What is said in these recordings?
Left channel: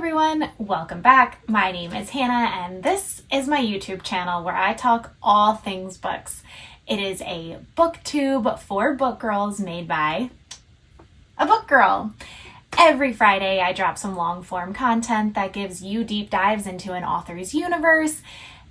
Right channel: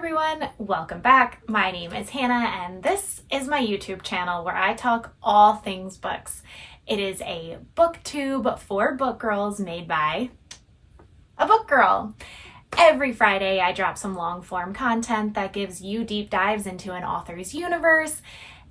everyone, welcome back. My name is Hannah and this is my YouTube channel where I talk all things books. It is a booktube for book girls made by a book girl. Every Friday I drop some long form content that gives you deep dives into an author's universe,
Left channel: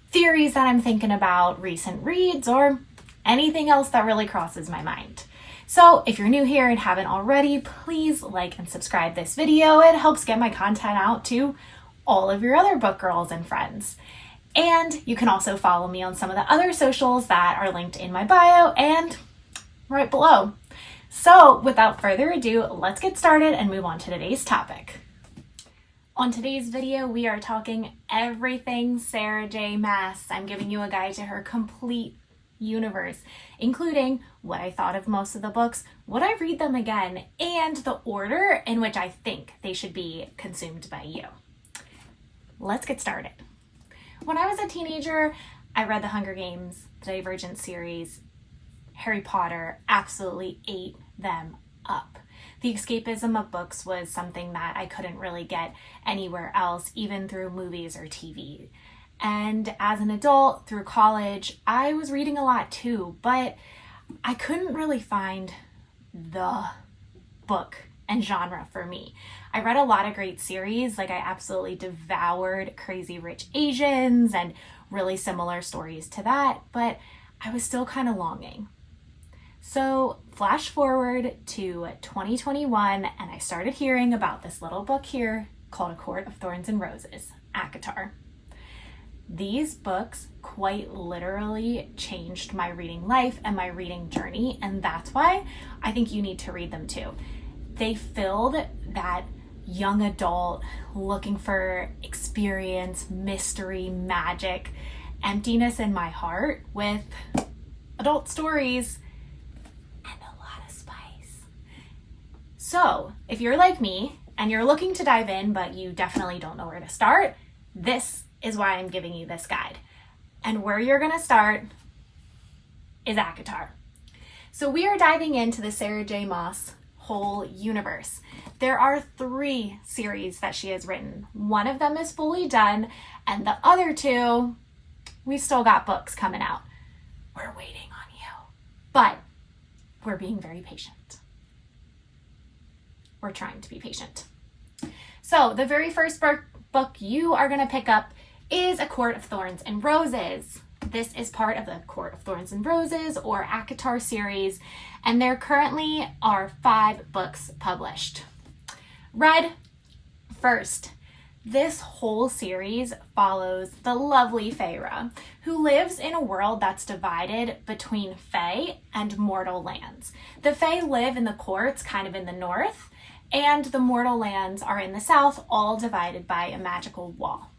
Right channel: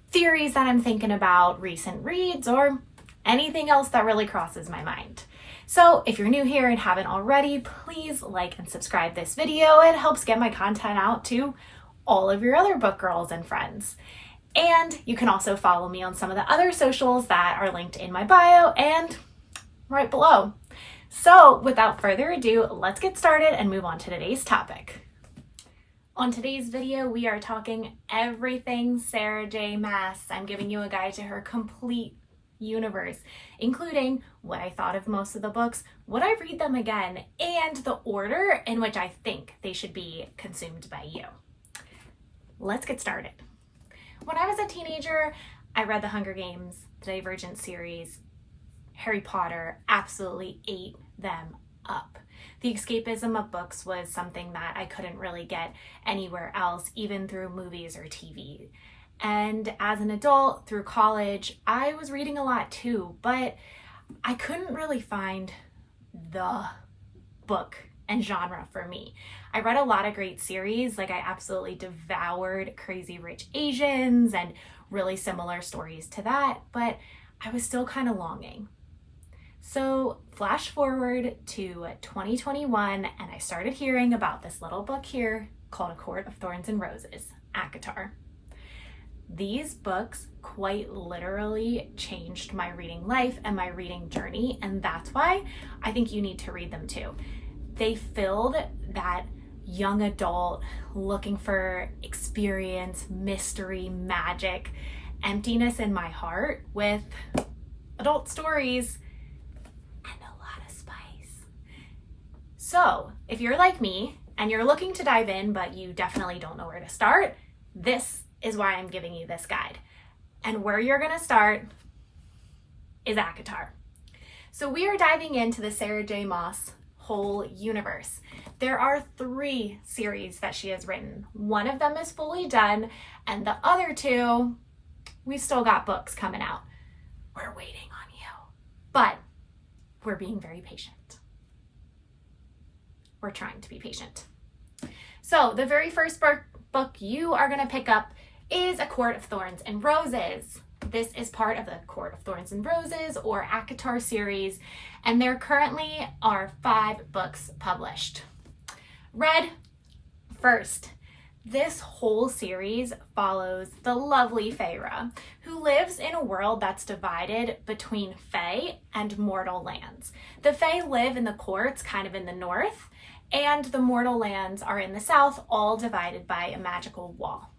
theories that I'm thinking about, recent reads, or anything else that really crosses my mind. So if you're new here and haven't already, please like and subscribe this video. It helps get my content out to all of your other book girls and friends. And you can also follow me on some of the other socials that are linked in my bio and right below. So without further ado, let's get started and move on to today's topic. On today's video, we are talking everything Sarah J. Maas. I'm giving you a guide to her complete universe, including what I thought of most of the books, would I read them again, and the order in which I think they should be consumed by you. Let's get started. When I was a teenager, I read The Hunger Games, the Divergent series, Harry Potter, absolutely ate them up. The escapism of books was something that I couldn't really get anywhere else, even through movies or TV. And as an adult, through college, I was reading a lot too, but I couldn't really find the book and genre for me. I read a lot of great series, like I absolutely devoured Crazy Rich Asians and really similar stories to that, but I was still kind of longing. So flash forward to 2021, and I started hearing about this little book here called A Court of Thorns and Roses, ACOTAR. These books quite literally changed my reading life and my reading journey, and that's why I think you need to read them too. They filled that young adult looking for experience, mystery, magic, emptiness in my heart with adult stories and a lot of spice. So if you're like me and you're looking to dive in, but you definitely don't know where to start, this is why I'm giving you this guide. And where you're gonna start is ACOTAR. So we are diving into the Sarah J. Maas whole universe. There are 3 series that she has written. One of them is fully done, and the other 2, we've still got books coming out. We're waiting on you, but we're being very patient. We're trying to be patient. So the very first book you are gonna pick up is A Court of Thorns and Roses. This is part of the Court of Thorns and Roses or ACOTAR series, and there currently are 5 books published. Read first. This whole series follows the lovely Feyre, who lives in a world that's divided between Fey and mortal lands. The Fey live in the courts, kind of in the north, and the mortal lands are in the south, all divided by a magical wall.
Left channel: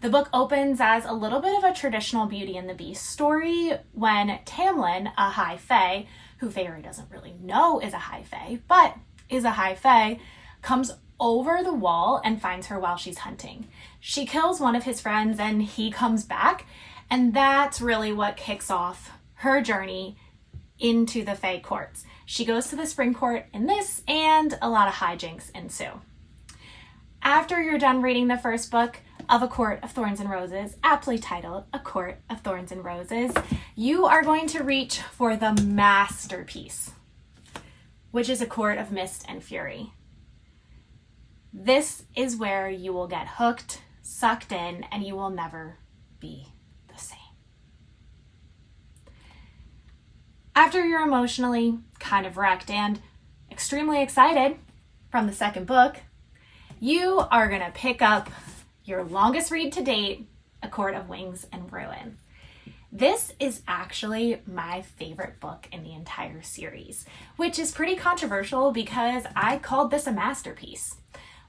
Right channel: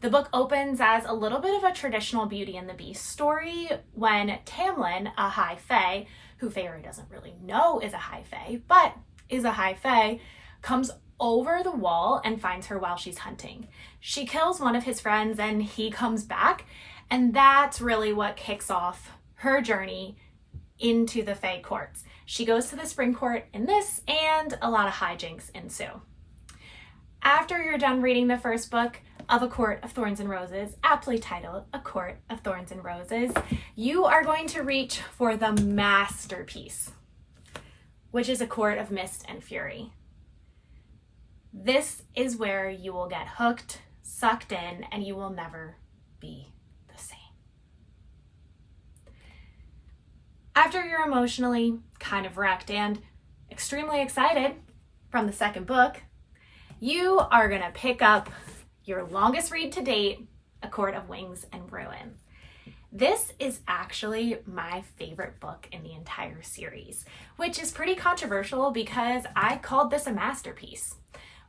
The book opens as a little bit of a traditional Beauty and the Beast story when Tamlin, a high fae, who Feyre doesn't really know is a high fae, but is a high fae, comes over the wall and finds her while she's hunting. She kills one of his friends and he comes back, and that's really what kicks off her journey into the Fae courts. She goes to the Spring Court in this, and a lot of hijinks ensue. After you're done reading the first book of A Court of Thorns and Roses, aptly titled A Court of Thorns and Roses, you are going to reach for the masterpiece, which is A Court of Mist and Fury. This is where you will get hooked, sucked in, and you will never be the same. After you're emotionally kind of wrecked and extremely excited from the second book, you are gonna pick up your longest read to date, A Court of Wings and Ruin. This is actually my favorite book in the entire series, which is pretty controversial because I called this a masterpiece.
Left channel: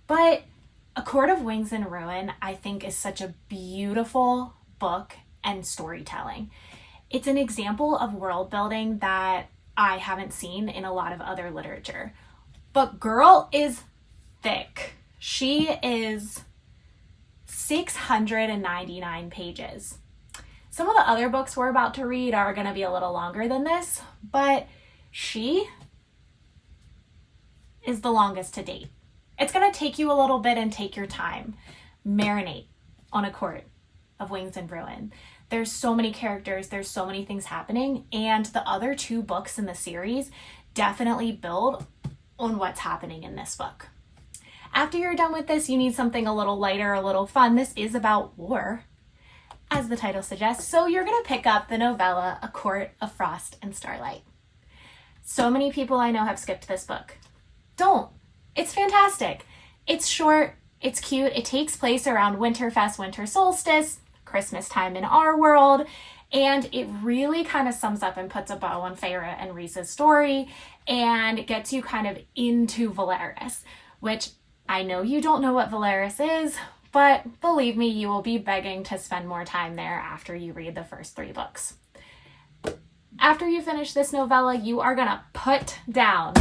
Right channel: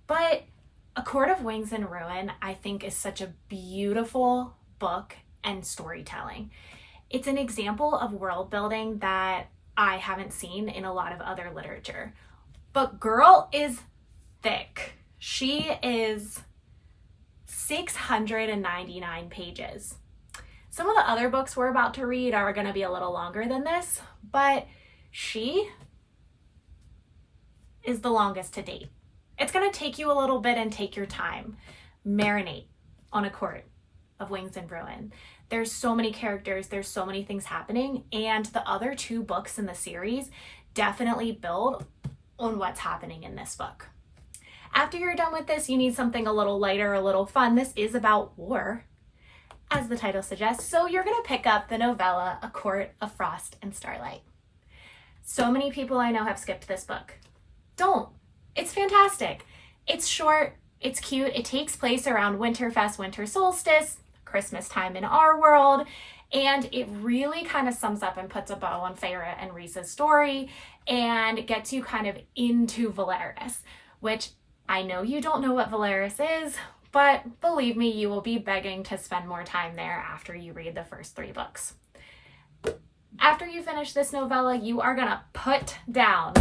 But A Court of Wings and Ruin, I think, is such a beautiful book and storytelling. It's an example of world building that I haven't seen in a lot of other literature. But girl is thick. She is 699 pages. Some of the other books we're about to read are going to be a little longer than this, but she is the longest to date. It's going to take you a little bit and take your time. Marinate on A Court of Wings and Ruin. There's so many characters, there's so many things happening, and the other 2 books in the series definitely build on what's happening in this book. After you're done with this, you need something a little lighter, a little fun. This is about war, as the title suggests, so you're going to pick up the novella A Court of Frost and Starlight. So many people I know have skipped this book. Don't. It's fantastic. It's short, it's cute, it takes place around Winterfest, winter solstice, Christmas time in our world, and it really kind of sums up and puts a bow on Feyre and Rhys's story and gets you kind of into Velaris, which I know you don't know what Velaris is, but believe me, you will be begging to spend more time there after you read the first 3 books. After you finish this novella, you are gonna put down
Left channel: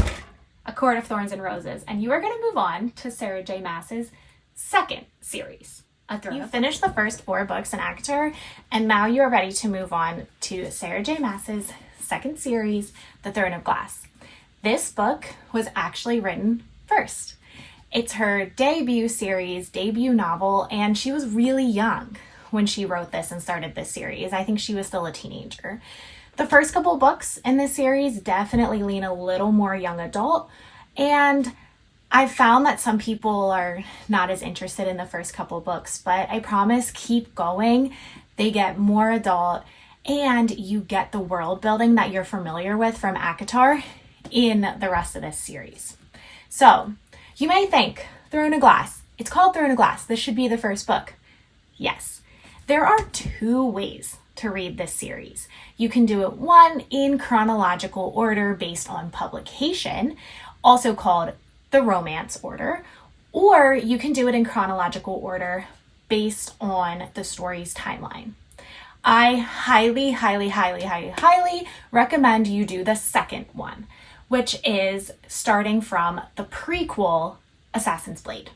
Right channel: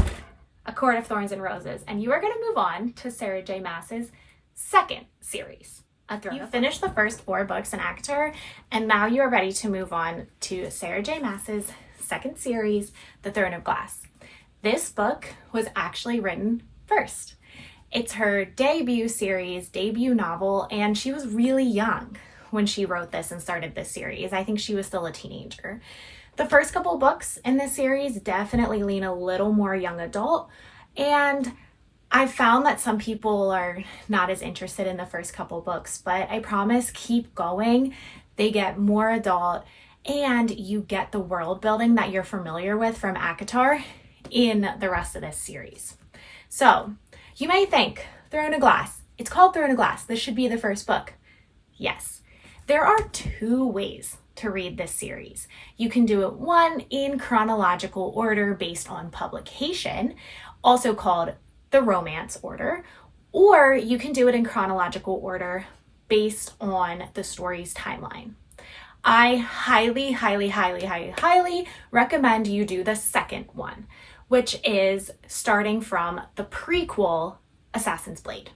A Court of Thorns and Roses, and you are gonna move on to Sarah J. Maas's second series. You finished the first 4 books in ACOTAR, and now you are ready to move on to Sarah J. Maas's second series, The Throne of Glass. This book was actually written first. It's her debut series, debut novel, and she was really young when she wrote this and started this series. I think she was still a teenager. The first couple books in this series definitely lean a little more young adult, and I've found that some people are not as interested in the first couple books, but I promise, keep going. They get more adult, and you get the world building that you're familiar with from ACOTAR in the rest of this series. So, you may think, Throne of Glass. It's called Throne of Glass. This should be the first book. Yes. There are 2 ways to read this series. You can do it, 1, in chronological order based on publication, also called the romance order, or you can do it in chronological order based on the story's timeline. I highly, highly, highly, highly, highly recommend you do the second one, which is starting from the prequel Assassin's Blade.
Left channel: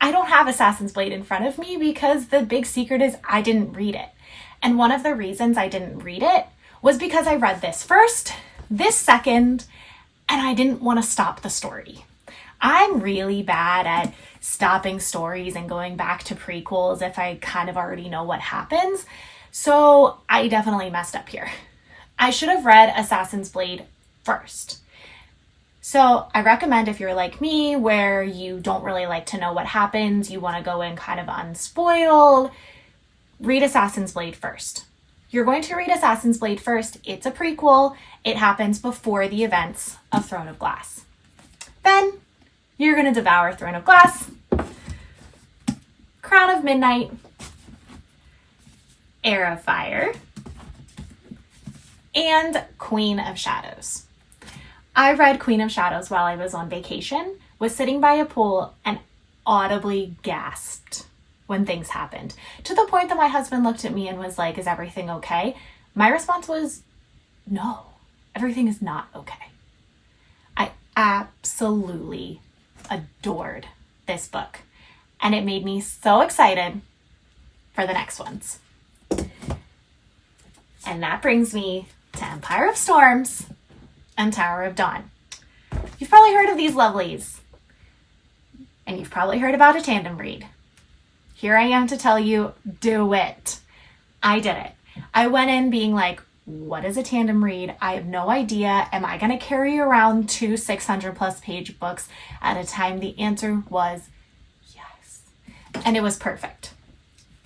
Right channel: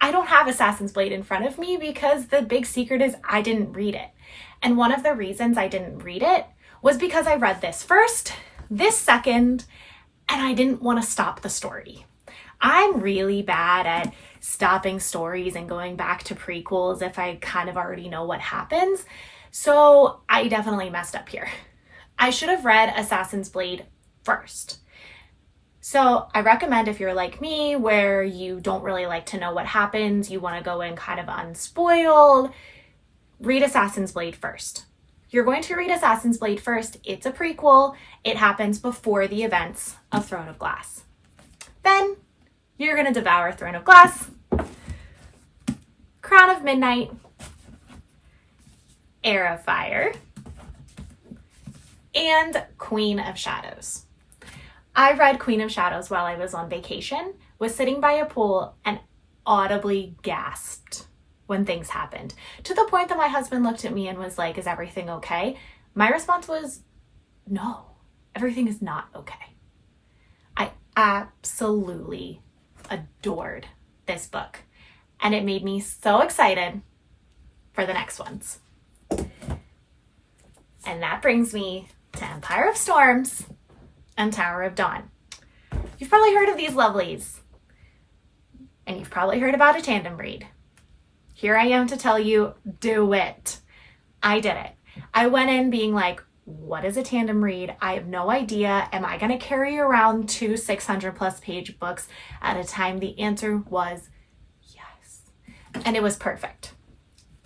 I don't have Assassin's Blade in front of me because the big secret is I didn't read it. And one of the reasons I didn't read it was because I read this first, this second, and I didn't want to stop the story. I'm really bad at stopping stories and going back to prequels if I kind of already know what happens. So I definitely messed up here. I should have read Assassin's Blade first. So I recommend, if you're like me, where you don't really like to know what happens, you want to go in kind of unspoiled, read Assassin's Blade first. You're going to read Assassin's Blade first. It's a prequel. It happens before the events of Throne of Glass. Then you're going to devour Throne of Glass, Crown of Midnight, Heir of Fire, and Queen of Shadows. I read Queen of Shadows while I was on vacation, was sitting by a pool, and audibly gasped when things happened, to the point that my husband looked at me and was like, "Is everything okay?" My response was, "No, everything is not okay." I absolutely adored this book, and it made me so excited for the next ones. And that brings me to Empire of Storms and Tower of Dawn. You've probably heard of these lovelies, and you've probably heard about a tandem read. Here I am to tell you, do it. I did it. I went in being like, what is a tandem read? I have no idea. Am I going to carry around 2 600+ page books at a time? The answer was yes. And it was perfect.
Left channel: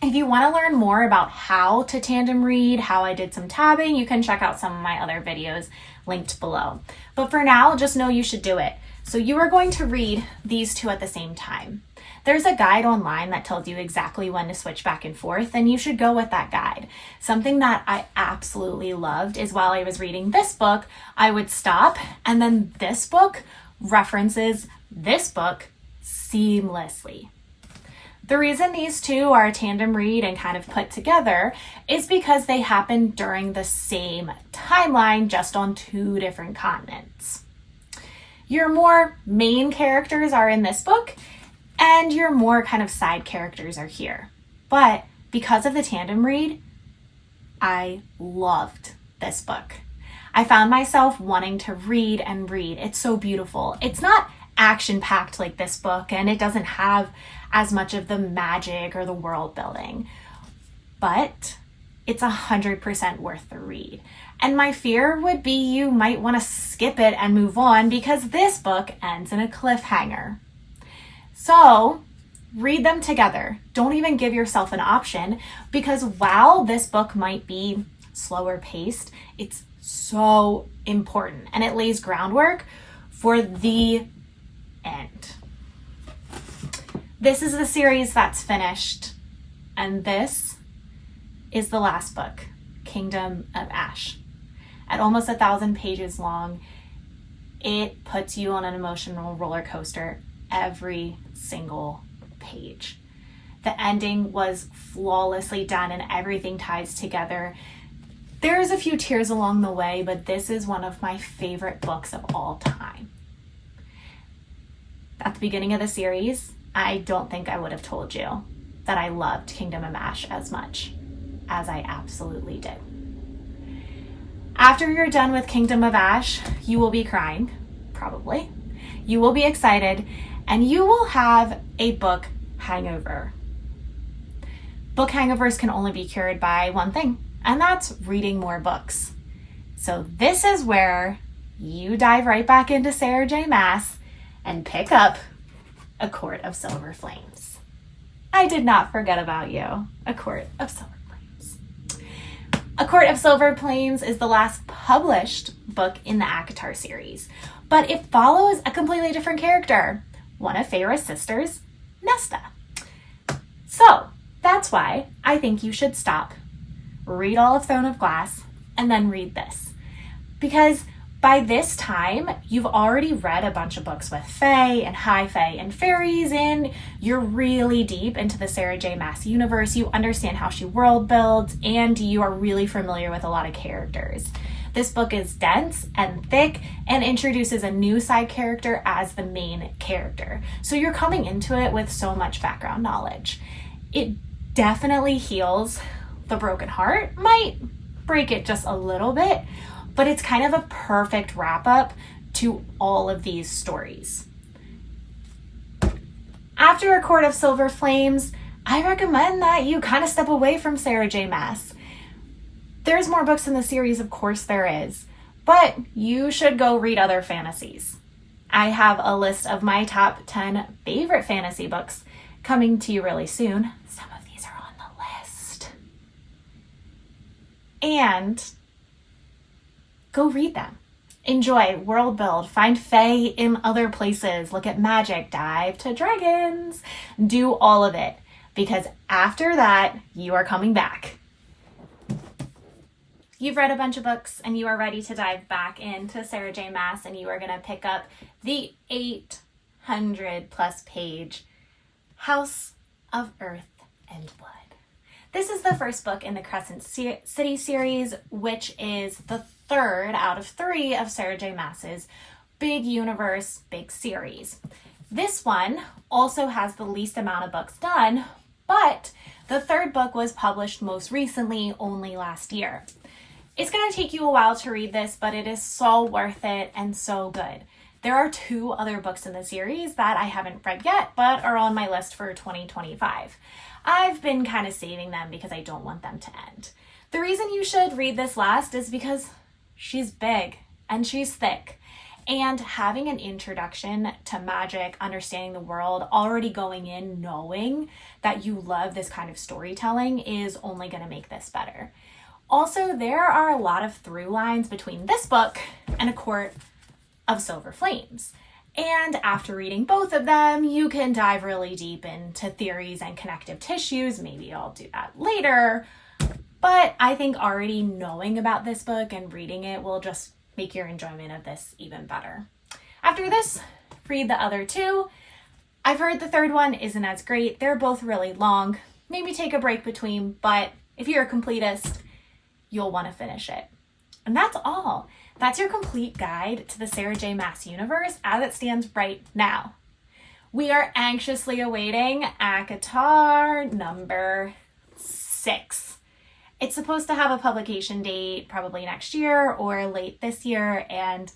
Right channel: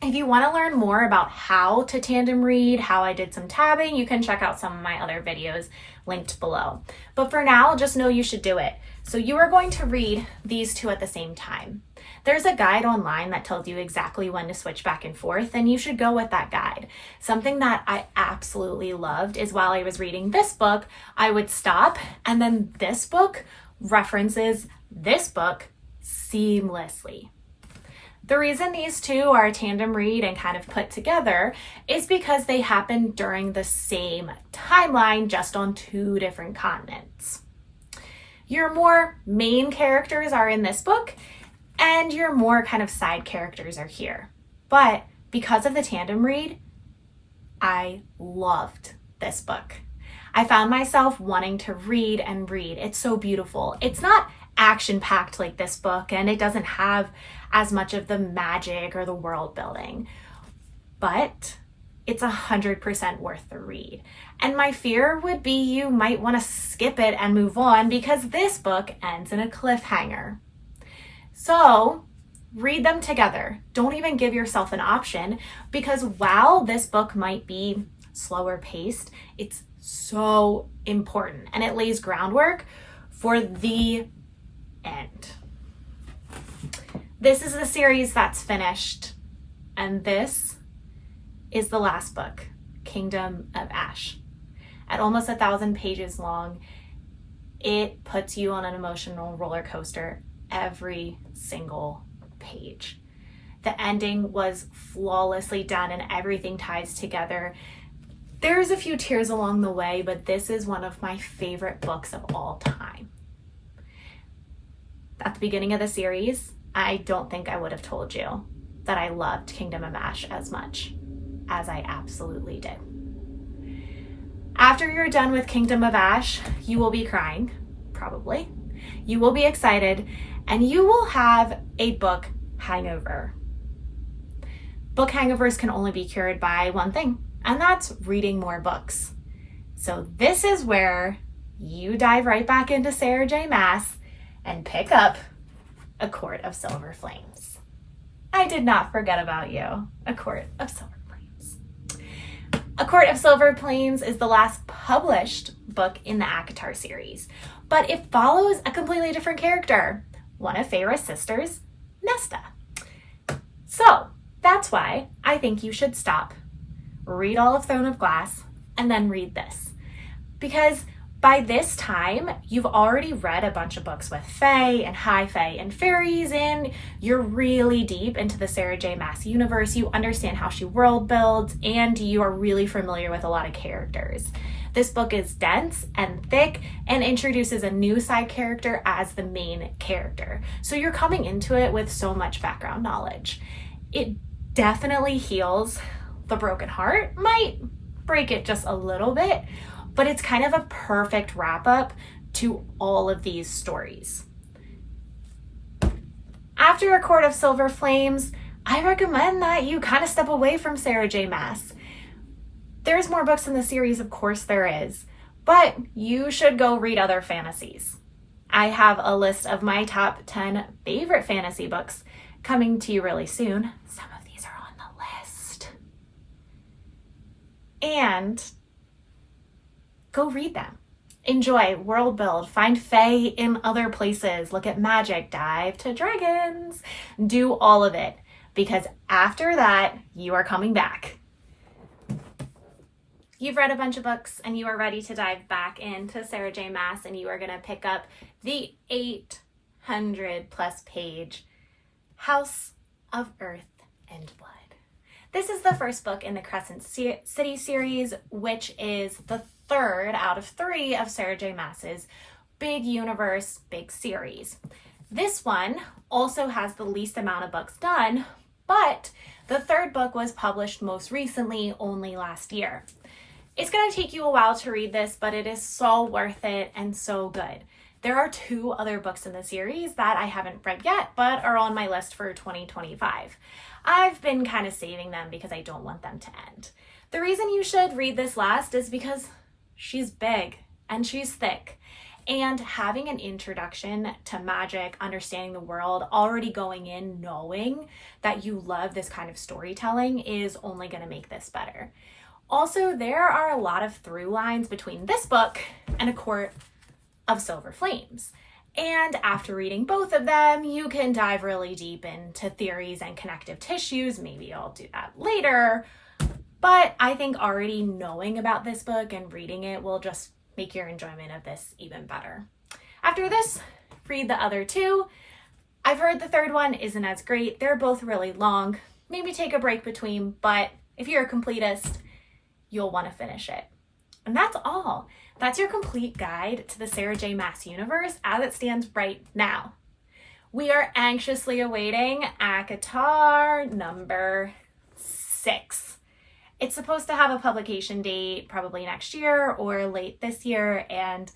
If you want to learn more about how to tandem read, how I did some tabbing, you can check out some of my other videos linked below. But for now, just know you should do it. So you are going to read these 2 at the same time. There's a guide online that tells you exactly when to switch back and forth, and you should go with that guide. Something that I absolutely loved is while I was reading this book, I would stop, and then this book references this book seamlessly. The reason these 2 are a tandem read and kind of put together is because they happen during the same timeline, just on 2 different continents. Your more main characters are in this book, and your more kind of side characters are here. But because of the tandem read, I loved this book. I found myself wanting to read and read. It's so beautiful. It's not action-packed like this book, and it doesn't have as much of the magic or the world building. But it's 100% worth the read. And my fear would be you might want to skip it and move on because this book ends in a cliffhanger. So read them together. Don't even give yourself an option, because while this book might be slower paced, it's so important and it lays groundwork for the end. This is the series that's finished, and this is the last book, Kingdom of Ash. At almost 1,000 pages long, it puts you on an emotional roller coaster every single page. The ending was flawlessly done and everything ties together. There's a few tears along the way, but this is one of my favorite books of all time. At the beginning of the series, I don't think I would have told you that I loved Kingdom of Ash as much as I absolutely did. After you're done with Kingdom of Ash, you will be crying, probably. You will be excited, and you will have a book hangover. Book hangovers can only be cured by one thing, and that's reading more books. So this is where you dive right back into Sarah J. Maas and pick up A Court of Silver Flames. I did not forget about you. A Court of Silver Flames. A Court of Silver Flames is the last published book in the ACOTAR series, but it follows a completely different character, one of Feyre's sisters, Nesta. So that's why I think you should stop, read all of Throne of Glass, and then read this. Because by this time, you've already read a bunch of books with Fae and High Fae and fairies, and you're really deep into the Sarah J. Maas universe. You understand how she world builds, and you are really familiar with a lot of characters. This book is dense and thick and introduces a new side character as the main character. So you're coming into it with so much background knowledge. It definitely heals the broken heart, might break it just a little bit, but it's kind of a perfect wrap up to all of these stories. After A Court of Silver Flames, I recommend that you kind of step away from Sarah J. Maas. There's more books in the series, of course there is, but you should go read other fantasies. I have a list of my top 10 favorite fantasy books coming to you really soon. Some of these are on the list. And go read them. Enjoy, world build, find Fae in other places, look at magic, dive to dragons, do all of it, because after that, you are coming back. You've read a bunch of books and you are ready to dive back into Sarah J. Maas, and you are going to pick up the 800 plus page House of Earth and Blood. This is the first book in the Crescent City series, which is the third out of 3 of Sarah J. Maas's big universe, big series. This one also has the least amount of books done, but the third book was published most recently, only last year. It's going to take you a while to read this, but it is so worth it and so good. There are 2 other books in the series that I haven't read yet, but are on my list for 2025. I've been kind of saving them because I don't want them to end. The reason you should read this last is because she's big and she's thick. And having an introduction to magic, understanding the world, already going in knowing that you love this kind of storytelling is only going to make this better. Also, there are a lot of through lines between this book and A Court of Silver Flames. And after reading both of them, you can dive really deep into theories and connective tissues. Maybe I'll do that later. But I think already knowing about this book and reading it will just make your enjoyment of this even better. After this, read the other 2. I've heard the third one isn't as great. They're both really long. Maybe take a break between, but if you're a completist, you'll want to finish it. And that's all. That's your complete guide to the Sarah J. Maas universe as it stands right now. We are anxiously awaiting ACOTAR number 6. It's supposed to have a publication date probably next year or late this year, and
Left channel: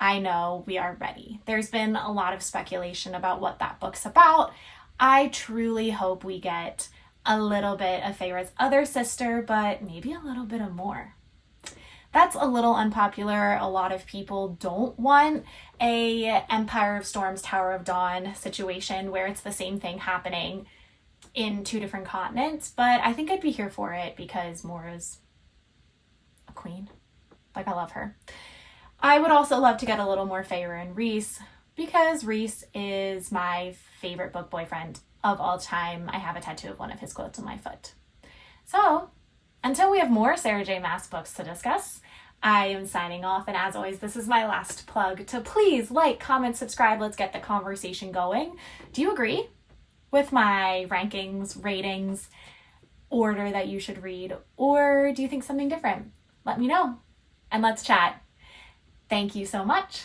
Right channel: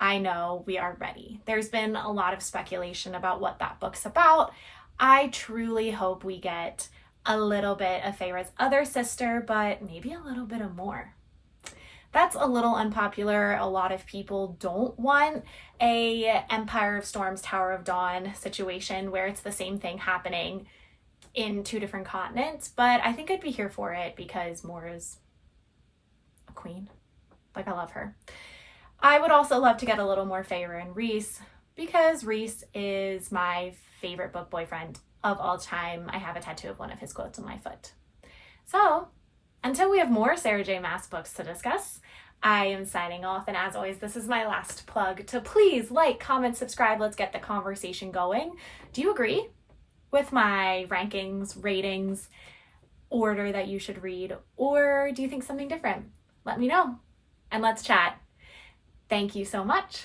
I know we are ready. There's been a lot of speculation about what that book's about. I truly hope we get a little bit of Feyre's other sister, but maybe a little bit of more. That's a little unpopular. A lot of people don't want a Empire of Storms, Tower of Dawn situation where it's the same thing happening in two different continents, but I think I'd be here for it because Moira's a queen. Like, I love her. I would also love to get a little more Feyre and Rhys because Rhys is my favorite book boyfriend of all time. I have a tattoo of one of his quotes on my foot. So, until we have more Sarah J. Maas books to discuss, I am signing off, and as always, this is my last plug to please like, comment, subscribe. Let's get the conversation going. Do you agree with my rankings, ratings, order that you should read, or do you think something different? Let me know, and let's chat. Thank you so much.